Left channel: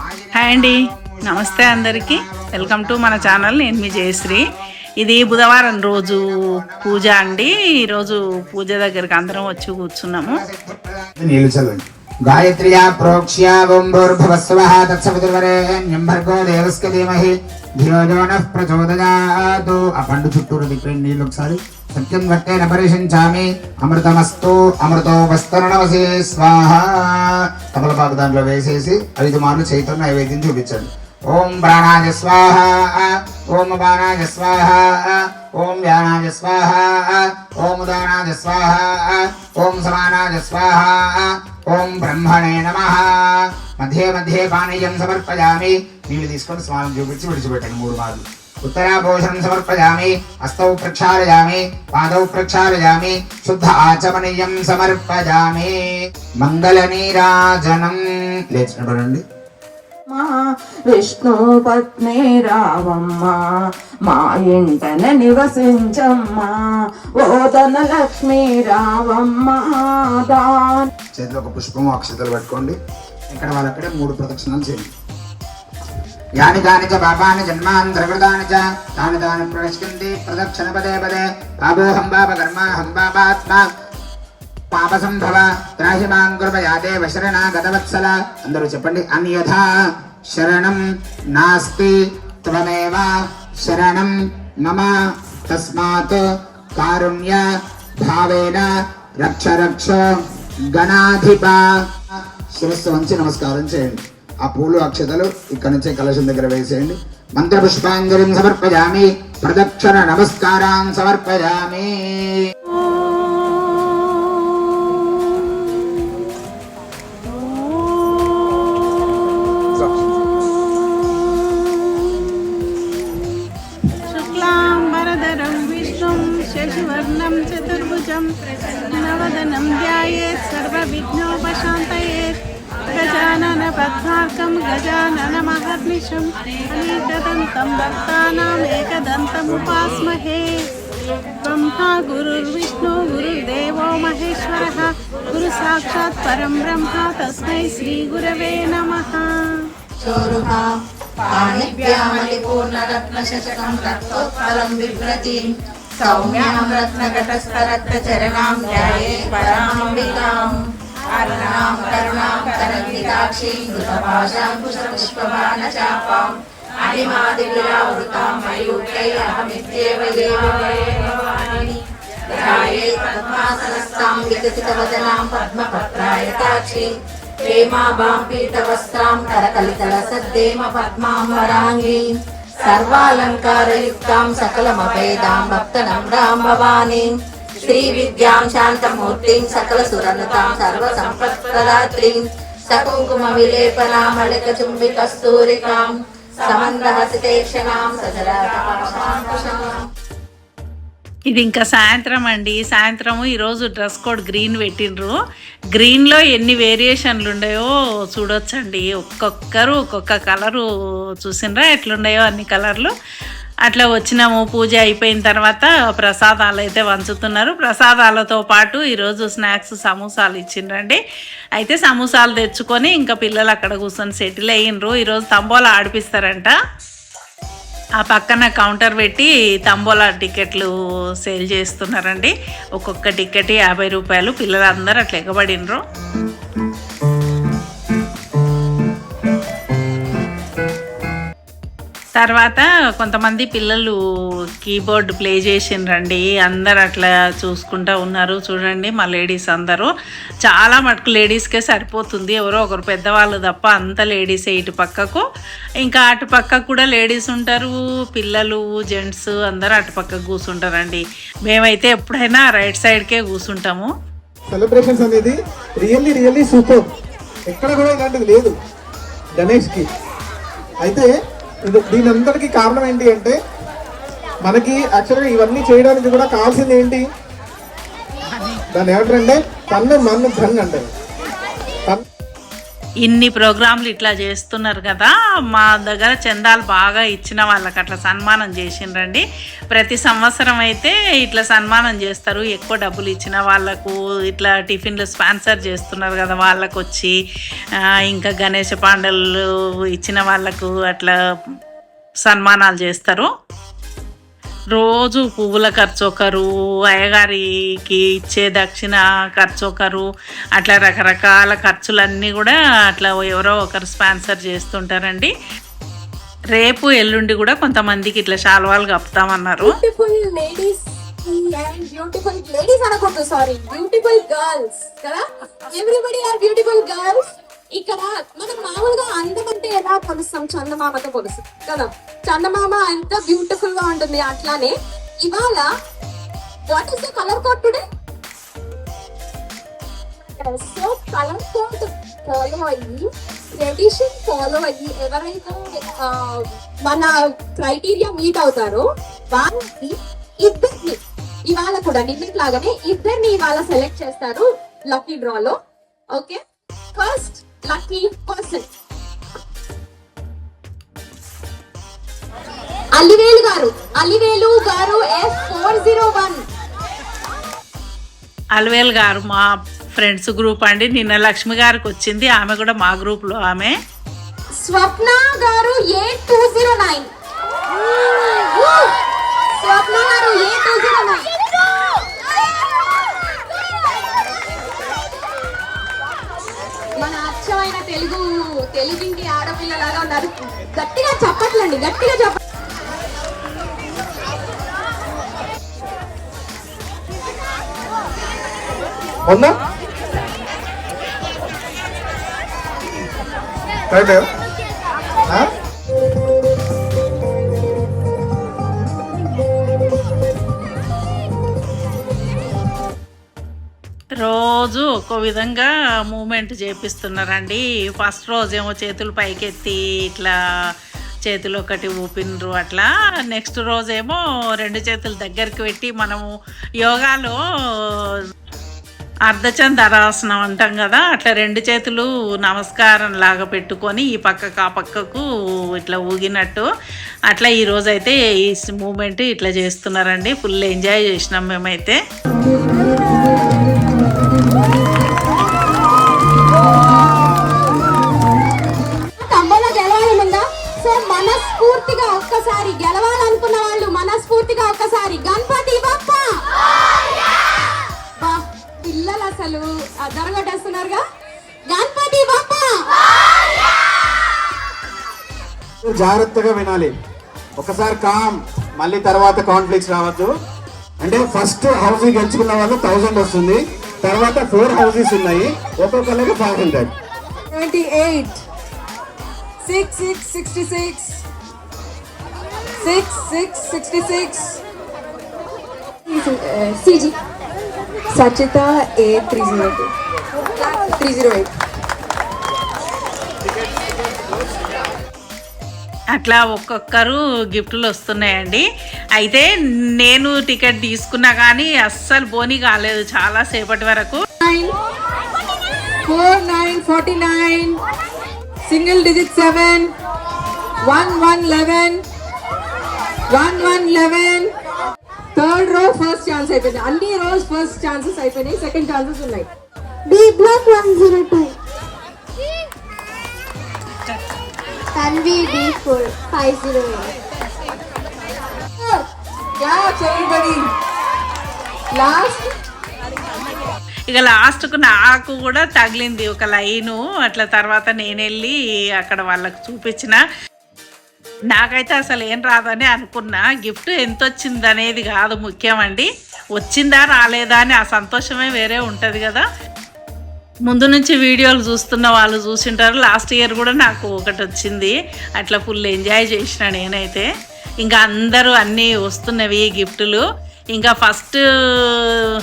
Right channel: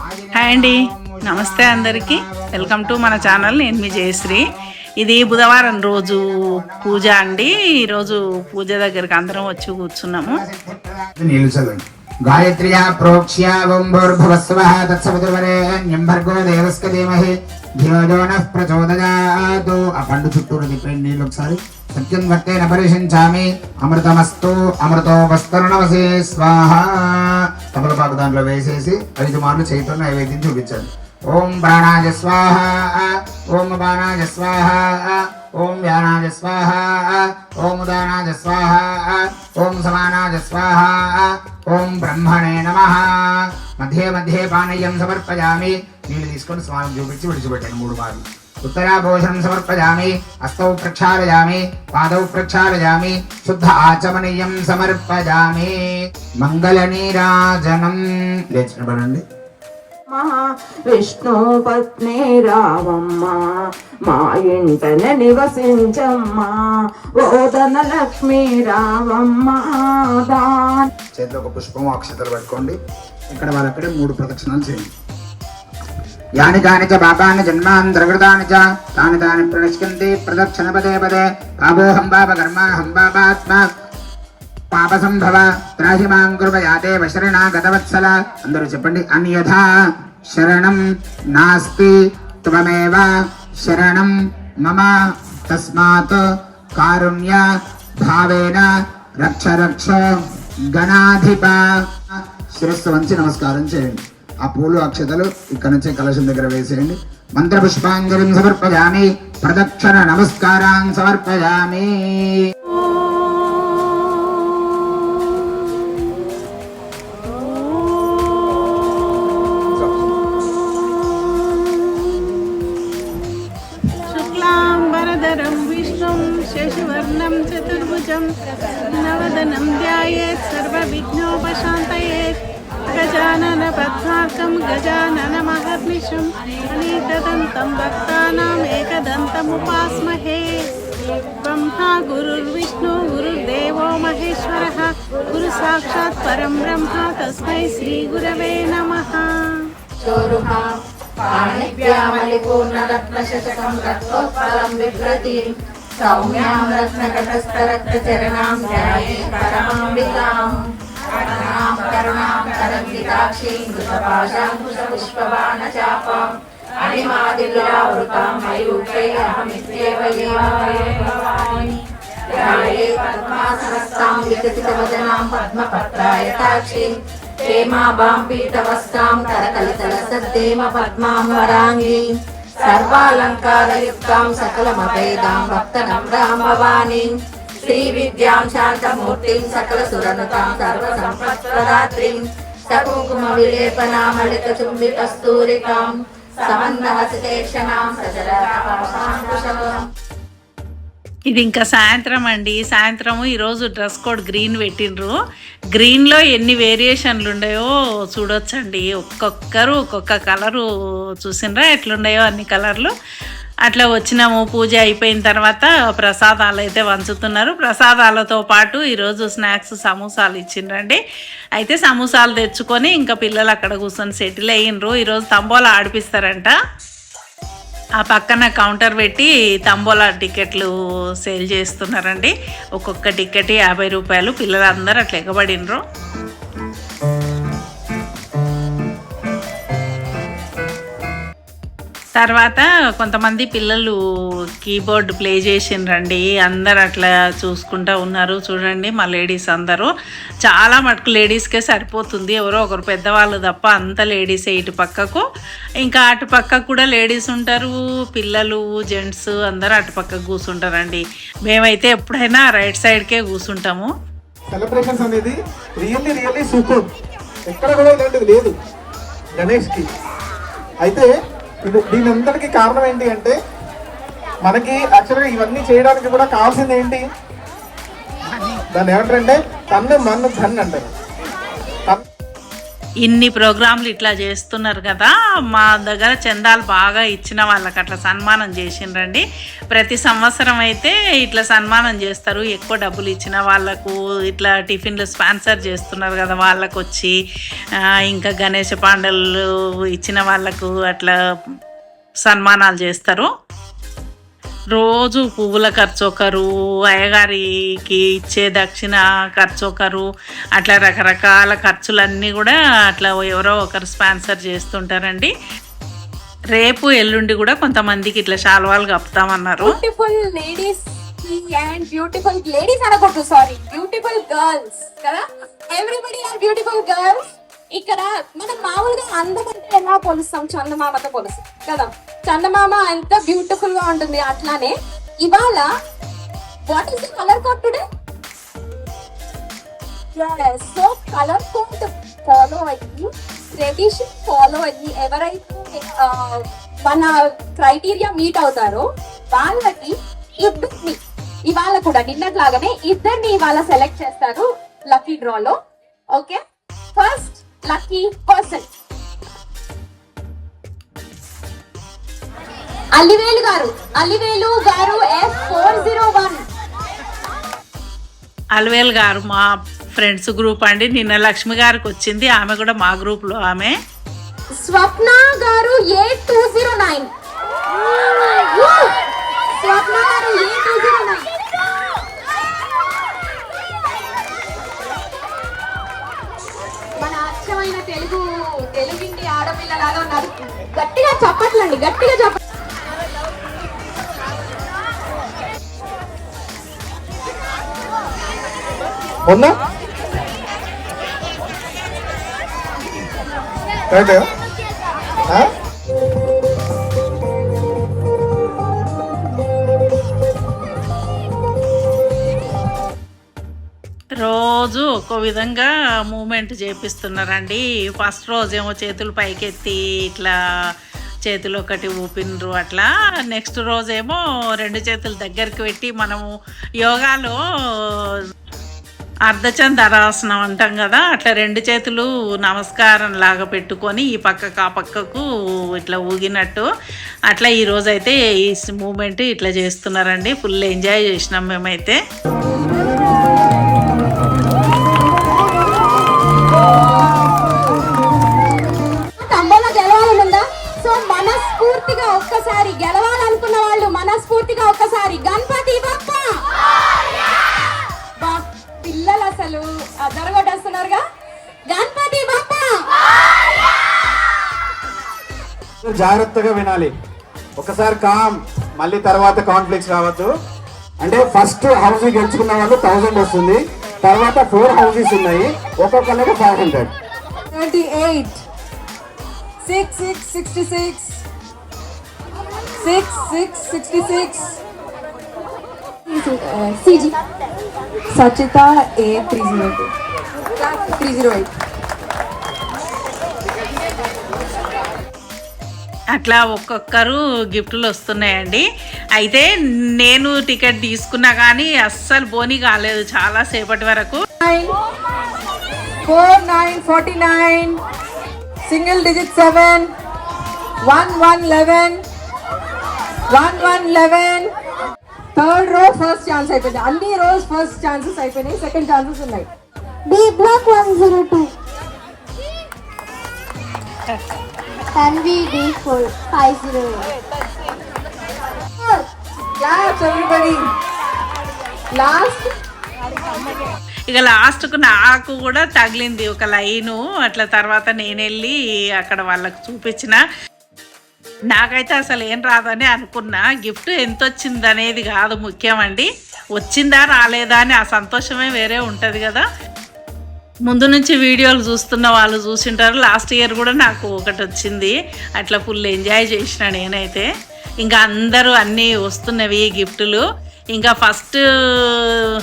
Hi అండి. నమస్తే అందరికీ. వెల్కమ్ టు మన ఛానల్. నేను మీ జయశ్రీ. ఇది బుధవారం రోజు పూజ అండి. ఈరోజు పూజ దగ్గరికి అందరం వచ్చి కూర్చున్నాము. గాయత్ర్యా తత్సవితుర్వరేణ్యం భర్గో ధీమహి ధియో ఆ పండు చుట్టూరు తిప్పండి నీళ్ళు ఒకసారి సత్యం గట్టేన పరిశించామి అమృతమస్తు అమృతో వస్తరణవసి స్వాహ తమలపాకు దాంట్లో వేసేసి ఐదు మార్లు చైతన్య నైవేద్యం చూపించండి. ఓం ప్రాణాయ స్వాహ. ఓం బాణాయ స్వాహ. ఓం వ్యానాయ స్వాహ. ఓం ఉదానాయ స్వాహ. ఓం సమానాయ స్వాహ. ఓం బ్రహ్మణే నమ. మధ్య మధ్య పానీయం సమర్పయామి. నీళ్ళు తీసుకొని స్వామికి చూపించి విడిచిపెట్టండి మూడు మార్లు. ఉత్తరాభోషణం సమర్పయామి హస్తౌ ప్రక్షాళయామి పాదౌ ప్రక్షాళయామి శుద్ధ ఆచమనీయం సమర్పయామి నీరాజనం లేచినపడండి మా విష్ణు పత్ని రావమ్మ మా ఇంటన నివసించమ్మా ఓదన లక్ష్మి రావమ్మ చేతిలో ఒక పుష్పము అక్షతలు పట్టుకోండి. ఇక్కడ వాళ్ళక్కడే మూడు ప్రదక్షిణాలు చేయండి. యాని కాని చ పాపాన్ని జన్మాంతరకృతాని చ తాని తాని ప్రణశ్యంతి ప్రదక్షిణ పదే పదే పాపోహం పాప కర్మాహం పాపాత్మ పాప సంభవ త్రాహి మాం కృపయా దేవ గతవత్సల అందరూ చెప్పండి అన్యథా శరణం నాస్తి త్వమేవ శరణం మమ తస్మాత్ కారుణ్య భావేన రక్ష రక్ష గణాధిప శిరస్సు వంచి నమస్కారం చేయండి ఆ పూలు అక్షతలు ఇక్కడ నుంచే కలశం దగ్గర వేసేయండి. మంత్ర పుష్పాంజలిం సమర్పయామి. ప్రదక్షిణ నమస్కారాన్ సమర్పయామి. శశివర్ణం చతుర్భుజం నవదనం ధ్యాయేత్ సర్వ విఘ్నోపశాంతయేత్ గజానన పద్మార్కం గజానన మహర్నిశం అనేకదంతం భక్తానాం ఏకదంతముపాస్మహే బ్రహ్మా గురుర్విష్ణు గురుర్దేవో మహేశ్వర గురు సాక్షాత్ పరం బ్రహ్మ తస్మై శ్రీ గురవే నమ సౌమ్యాం రత్నకటస్థరత్న చరణాం ధ్యాయే నమః కరుణాం కరుణాం తరంగితాక్షీం కృతపాశాం కుశపుష్పవానచాపాం అనిమాదివిరావృతాం మయూఖైరహమిత్యేవ దేవమయేవాని రాయే పద్మాసనస్థాం వికసితవదనాం పద్మపత్రాయతాక్షీ క్షేమాభాం పీతవస్త్రాం కరకలితల సద్దేమ పద్మాం వరాంగీ సర్వాలంకారయుక్తాం సకలమభేదాం భక్తనం రాం శ్రీ విద్యాం శాంతమూర్తిం సకల సురనతాం సర్వ సంప్రదాత్రీం సకుకుమ విలేపనామళిక చుంబి కస్తూరికాం సమందహసితేక్షణాం సజరాం ఇది ఇంకా సాయంత్రం అండి. సాయంత్రము ఈరోజు డ్రెస్ కోడ్ గ్రీన్ పెట్టినరు గ్రీన్లో ఎన్ని వేరియేషన్లు ఉండయో చూడొచ్చండి. ఒక్కొక్కరు ఒక్కొక్క కలరు చూసినరా ఎట్లుండయో అన్ని కలర్లు. అట్లా వచ్చినాము పూజ అయిపోయిన తర్వాత ప్రసాదాలు అయితే వంచుతున్నారు. ప్రసాదాలతో పాటు ఈరోజు స్నాక్స్ సమోసాలు ఇచ్చిండ్రండి. అయితే సమోసాలు తెచ్చుకొని ఇంకా పిల్లలు అక్కడ కూర్చొని సెటిల్ అయ్యిండ్రు ఈరోజు తంబోలా ఆడిపిస్తారంట. ఆ పక్కన కౌంటర్ పెట్టి తంబోలా టికెట్లు సేల్ చేస్తున్నారండి. ఒక్కొక్క టికెట్ యాభై రూపాయలు. పిల్లలందరూ అట్లా ఎగబడినరు. తర్వాత కొంతమంది పిల్లలు కీబోర్డ్ ప్లే చేసిండ్రండి. అందరు అట్లా చూసుకుంటూ ఉన్నారు. చూడండి మా లేడీస్ అందరూ. చాలా మటుకు లేడీస్కే సరిపోతుంది. ఎవరో ఒకరు పెద్దవాళ్ళు తప్ప అంత లేడీసే ఇటు పక్కకు. ఇంకా అటు పక్కకు కూడా లేడీస్ ఉంటారు. పిల్లలు జెంట్స్ అందరూ అటు పక్కకు కూర్చుంటారండి మేమైతే ఎప్పుడైనా రైట్ సైడ్కే కూర్చుంటాము సెలబ్రేషన్స్ అనేది రియల్లీ రియల్లీ సూపర్. ఎక్కడ కూడా ఇలాంటిది లేదు. గణేష్కి. అయితే దీనందరికీ కారణం ఏంటి అంటే మనకి యాక్చువల్గా ఇవన్నీ చేయడానికి కూడా కావాల్సింది ఏంటి? దాన్ని ఏమంటారంటే కన్ను మన్ను ధన్ అంటారు. ఇన్ని ప్రోగ్రాంలు ఇట్లా చేస్తున్నారు కదా మా దగ్గర చందాలు బాగా ఇచ్చిన వాళ్ళకి అట్లా సన్మానం చేసిండ్రండి. ప్రతి సంవత్సరం అయితే ఇట్లా సన్మానం చేస్తారు. ఎక్కువ డబ్బులు ఇచ్చిన వాళ్ళకు ఇట్లా టిఫిన్లు స్పాన్సర్ చేస్తున్నారు కదా వాళ్ళకు వచ్చి ఇంకా గణేష పాండలు ఇచ్చిన వాళ్ళకు అట్లా సన్మానాలు చేస్తారు. రోజు పువ్వుల ఖర్చు ఒకరు అయ్యగారికి ఇచ్చే దక్షిణ ఖర్చు ఒకరు అట్లా రకరకాల ఖర్చులన్నీ కూడా అట్లా ఎవరో ఒకరు స్పాన్సర్ చేస్తుంటారండి. రేపు ఎల్లుండి కూడా కొంతమందికి ఇట్లా శాల్వాలు కప్పుతామన్నారు. Beautiful sorry beautiful girls everybody are beautiful girls ఇక్కడ మనం మామూలుగా అందం అంటే ఎలా పోలుస్తాం చందమామతో పోలుస్తాం కదా? చందమామ ఎంత బ్యూటిఫుల్గా ఉంటుంది అట్లానే ఇవాళ what is the colour code today so colour code follow అయ్యి ట్రెడిషన్ ఫాలో అయ్యి ఎవరైతే మన క్రైటీరియా మీట్ అవుతారో వాళ్ళకి ఇద్దరిని ఇవాళ కూడా నిన్నట్లాగానే ఇద్దరిని ఇవాళ సెలెక్ట్ చేస్తారు లక్కీ డ్రాలో okay first lucky person Allivelu garu. Allivelu garu F four zero one Alvel garu మా ఫ్రెండ్స్ గ్రూప్ అండి. నిన్న లక్ష్మి గారికి వచ్చింది. ఆమె కూడా మా గ్రూప్లో ఆమె. Swapna garu A two zero nine ఉందా కరెక్ట్ రోజు ఒక్కో విధంగా మూమెంట్ చేపిస్తున్నారండి. ఫస్ట్ రోజేమో చేతులు పైకెత్తి ఇట్లా చేతులు ఒకటి ఊపినరు అట్లా. నెక్స్ట్ రోజేమో రెండు చేతులు దగ్గరికి పెట్టి మనము యోగాలో అర్ధచందరాసనం అంటాం కదా అట్లా రెండు చేతులు నమస్కారం లాగా పెట్టుకొని ఈ పక్కకు ఆ పక్కకు ఇట్లా ఊగినట్టు. అట్లా ఈరోజైతే ఈ మూమెంట్ ఇట్లా చేస్తున్నారండి. ఫుల్ ఎంజాయ్ చేసినాం మేమైతే. జాగ్రత్తగా వినాలి. ఒకసారి కామ్ మళ్ళీ తర్వాత కాన్ఫ్లిక్ట్స్ రావద్దు. అంటే ఫస్ట్ హౌస్ గెలుచుకున్న వాళ్ళు థౌసండ్ వస్తుంది. తర్వాత ఫోర్ హౌసెస్ ఉన్నాయి. ఒక్కొక్కరికి five hundred twenty eight six six sixty six six six sixty six Sachita A three zero two three zero eight అట్లా ఒక్కొక్కరు గిఫ్ట్లు వస్తున్నాయండి. అయితే నేను టికెట్ తీసుకున్నా కానీ అస్సలు బోని కాలేదు చాలా సేపటి వరకు. Nine four nine forty nine single digit seven one one eleven one one eleven. Third row first chance అయిపోయింది. అన్ని రోజ్ ఫస్ట్ ఛాన్సెస్ అయిపోయినాయి. సెకండ్ ఛాన్సెస్ ఉన్నాయి. B block one zero two. Tanvi D four five zero claps everybody last ఇక లాస్ట్కు నాకు కూడా తగిలింది ఒక లైను. అట్లా తర్వాత నేను వెళ్ళి అక్కడ వాళ్ళకు చూపించిన. నాకైతే అసలు ఏం రాదని అనుకున్నా. గిఫ్ట్ ఎంత వచ్చింది అనేది కాదు ముఖ్యమండి. వచ్చిందా రాలేదా అని ఆ సంతోషమే వేరే ఉంటుంది కదా. ముందు నుంచి వీడియోలు చూస్తున్న వాళ్ళు చూసింటారు. లాస్ట్ ఇయర్ కూడా నాకు ఒకటి వచ్చింది. అట్లా ఫుల్ ఎంజాయ్ చేసిన నేనైతే. ఇంకా అందరూ అన్నీ వస్తున్నవి గిఫ్టులు. ఇంకా ఫస్ట్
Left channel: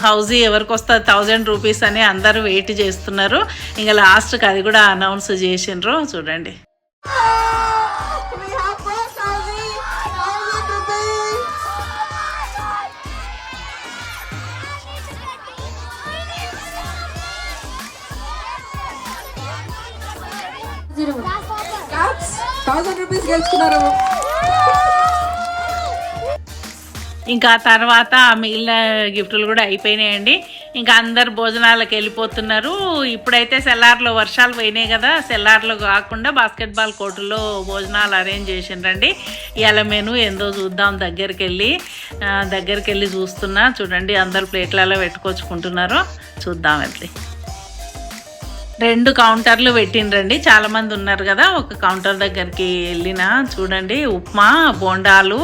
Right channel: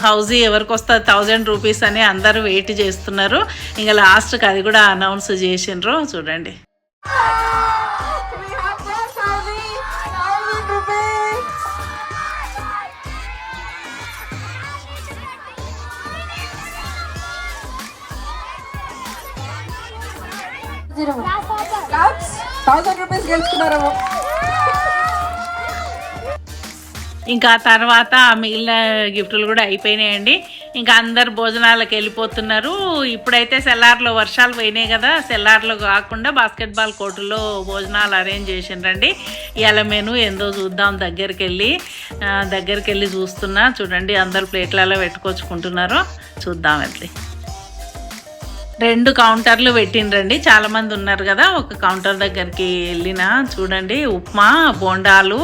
హౌజీ ఎవరికి వస్తుంది థౌజండ్ రూపీస్ అని అందరూ వెయిట్ చేస్తున్నారు. ఇంకా లాస్ట్కి అది కూడా అనౌన్స్ చేసిండ్రు. చూడండి. జీరో థౌసండ్ రూపీస్ గెలుచుకున్నారు. ఇంకా తర్వాత ఆ మిగిలిన గిఫ్టులు కూడా అయిపోయినాయండి. ఇంకా అందరు భోజనాలకు వెళ్ళిపోతున్నారు. ఇప్పుడైతే సెల్లార్లో వర్షాలు పోయినాయి కదా. సెల్లార్లో కాకుండా బాస్కెట్బాల్ కోర్టులో భోజనాలు అరేంజ్ చేసిండ్రండి. ఇవాళ మెను ఏందో చూద్దాం దగ్గరికి వెళ్ళి దగ్గరికి వెళ్ళి చూస్తున్నా. చూడండి అందరు ప్లేట్లలో పెట్టుకొచ్చుకుంటున్నారు. చూద్దాం వెళ్ళి. రెండు కౌంటర్లు పెట్టిండ్రండి. చాలామంది ఉన్నారు కదా ఒక కౌంటర్ దగ్గరికి వెళ్ళిన చూడండి ఉప్మా బోండాలు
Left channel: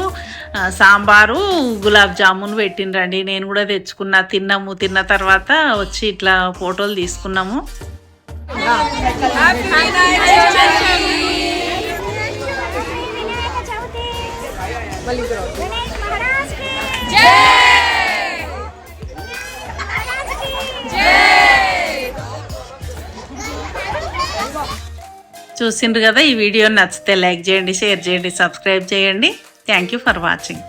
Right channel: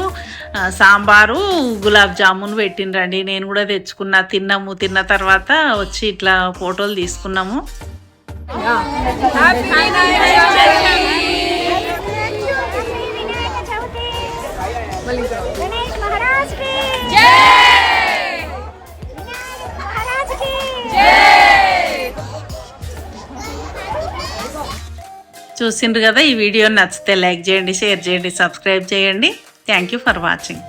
సాంబారు గులాబ్ జామున్ పెట్టిండ్రండి. నేను కూడా తెచ్చుకున్నా తిన్నాము. తిన్న తర్వాత వచ్చి ఇట్లా ఫోటోలు తీసుకున్నాము. Yeah. చూసిండ్రు కదా ఈ వీడియో నచ్చితే లైక్ చేయండి షేర్ చేయండి సబ్స్క్రైబ్ చేయండి. Thank you for watching